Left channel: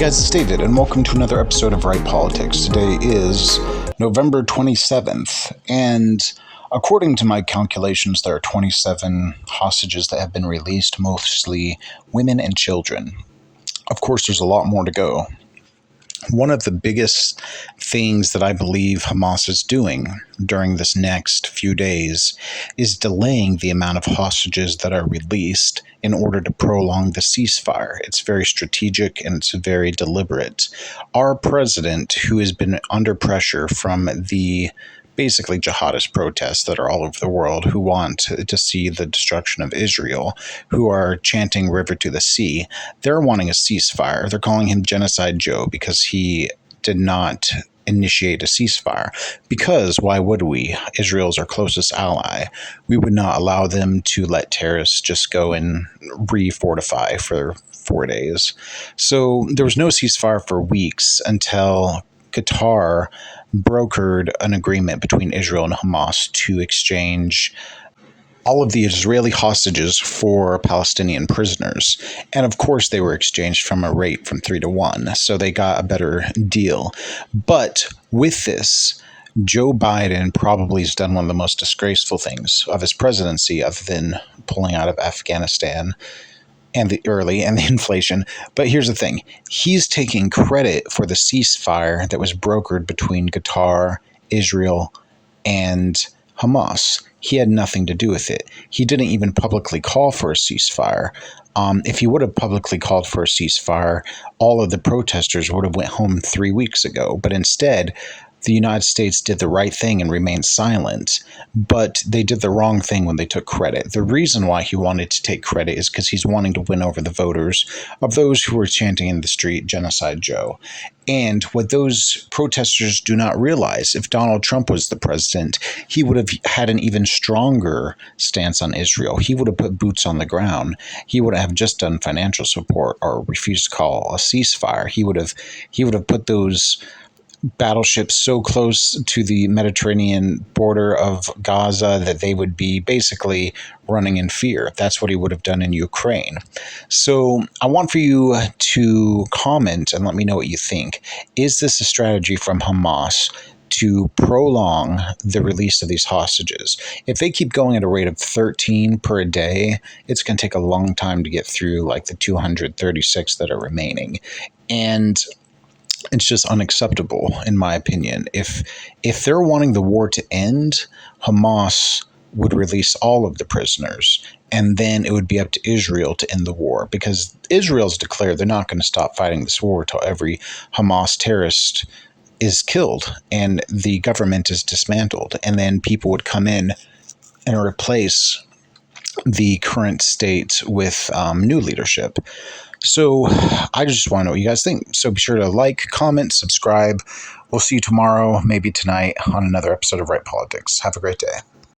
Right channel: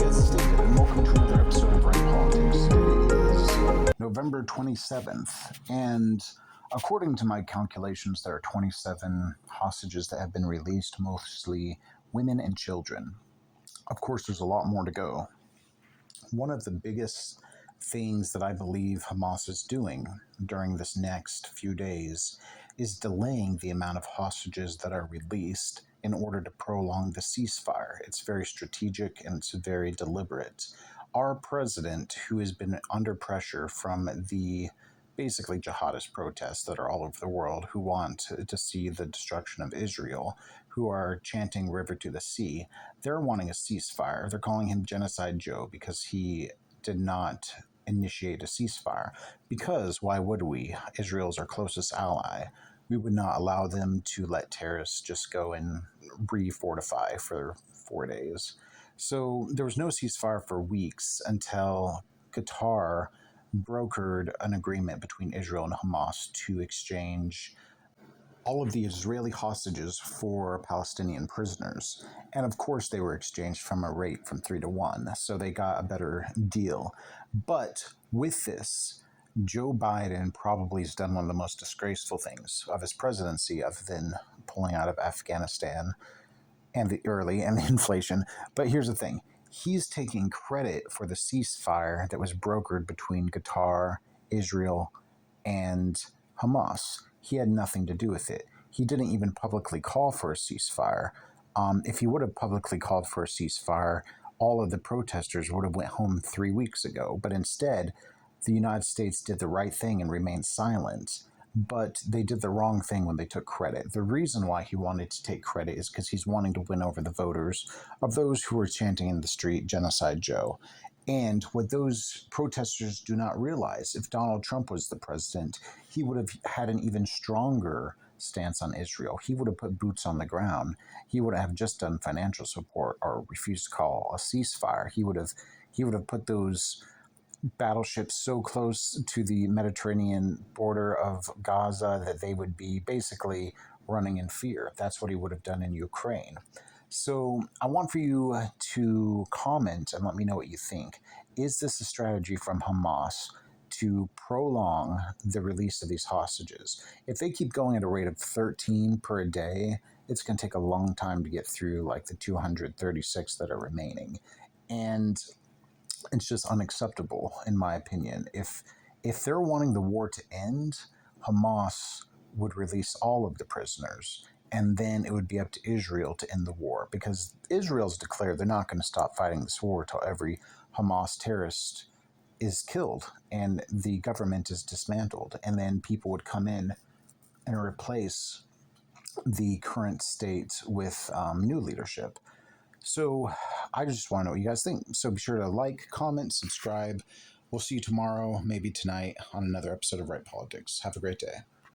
guys, it's David, and welcome to another episode of Right Politics. Today is November 27th, and according to my calculations, there are 27 hostages that have been released, mostly women and children. Of course, there's a lot more to go. One of the biggest things that I believe Hamas is doing during this next few days is delaying the amount of hostages that are released in order to prolong the ceasefire. It's very strategic and it's very deliberate. Our president, who has been under pressure from the basically jihadist protests that are all over the world who want to see the destruction of Israel, who are chanting river to the sea, they're wanting a ceasefire. They're calling him Genocide Joe because he did not initiate a ceasefire. Because why would we? Israel's our closest ally. We would not allow them to let terrorists just go and re-fortify for 4 days. So there was no ceasefire for weeks until Qatar brokered an agreement between Israel and Hamas to exchange all of the Israeli hostages for Palestinian prisoners. And of course, they were exchanged from a rate from 3 to 1, so they got a better deal. But with this, Joe Biden probably has done one of the most disgraceful things of his presidency, other than pulling out of Afghanistan and the inflation. But here's the thing. He's taking credit for the ceasefire that was brokered between Qatar, Israel, and Hamas. He had nothing to do with it. He didn't even publicly call for a ceasefire. If he would have publicly called for a ceasefire, all of the protesters would have went home 3 weeks ago. But instead, the United States did the right thing and remained silent, but they did the wrong thing when they took credit. The reason why he wanted to take credit is because he's wanting to win over the voters of those who were chanting in the street, Genocide Joe. And what those protesters do not realize, if Donald Trump was the president, he would have had an even stronger stance on Israel. He would have put boots on the ground. He would have just done financial support or refused to call a ceasefire. He would have put those battleships so close to the Mediterranean border of Gaza that they would be basically running in fear. That's what he would have done in Ukraine. So I want for you to comment and let me know what you think. Is this a strategy from Hamas to prolong the release of these hostages? If they keep going at a rate of 13 per day, it's going to take a long time to get through like the 236 that are remaining. And it's just unacceptable, in my opinion. If they're wanting the war to end, Hamas would release all of the prisoners, and then it would be up to Israel to end the war, because Israel's declared they're not going to stop fighting this war until every Hamas terrorist is killed and the government is dismantled, and then people would come in and replace the current state with new leadership. So I just want to know what you guys think. So be sure to like, comment, subscribe. We'll see you tomorrow, maybe tonight, on another episode of Right Politics. Have a great day.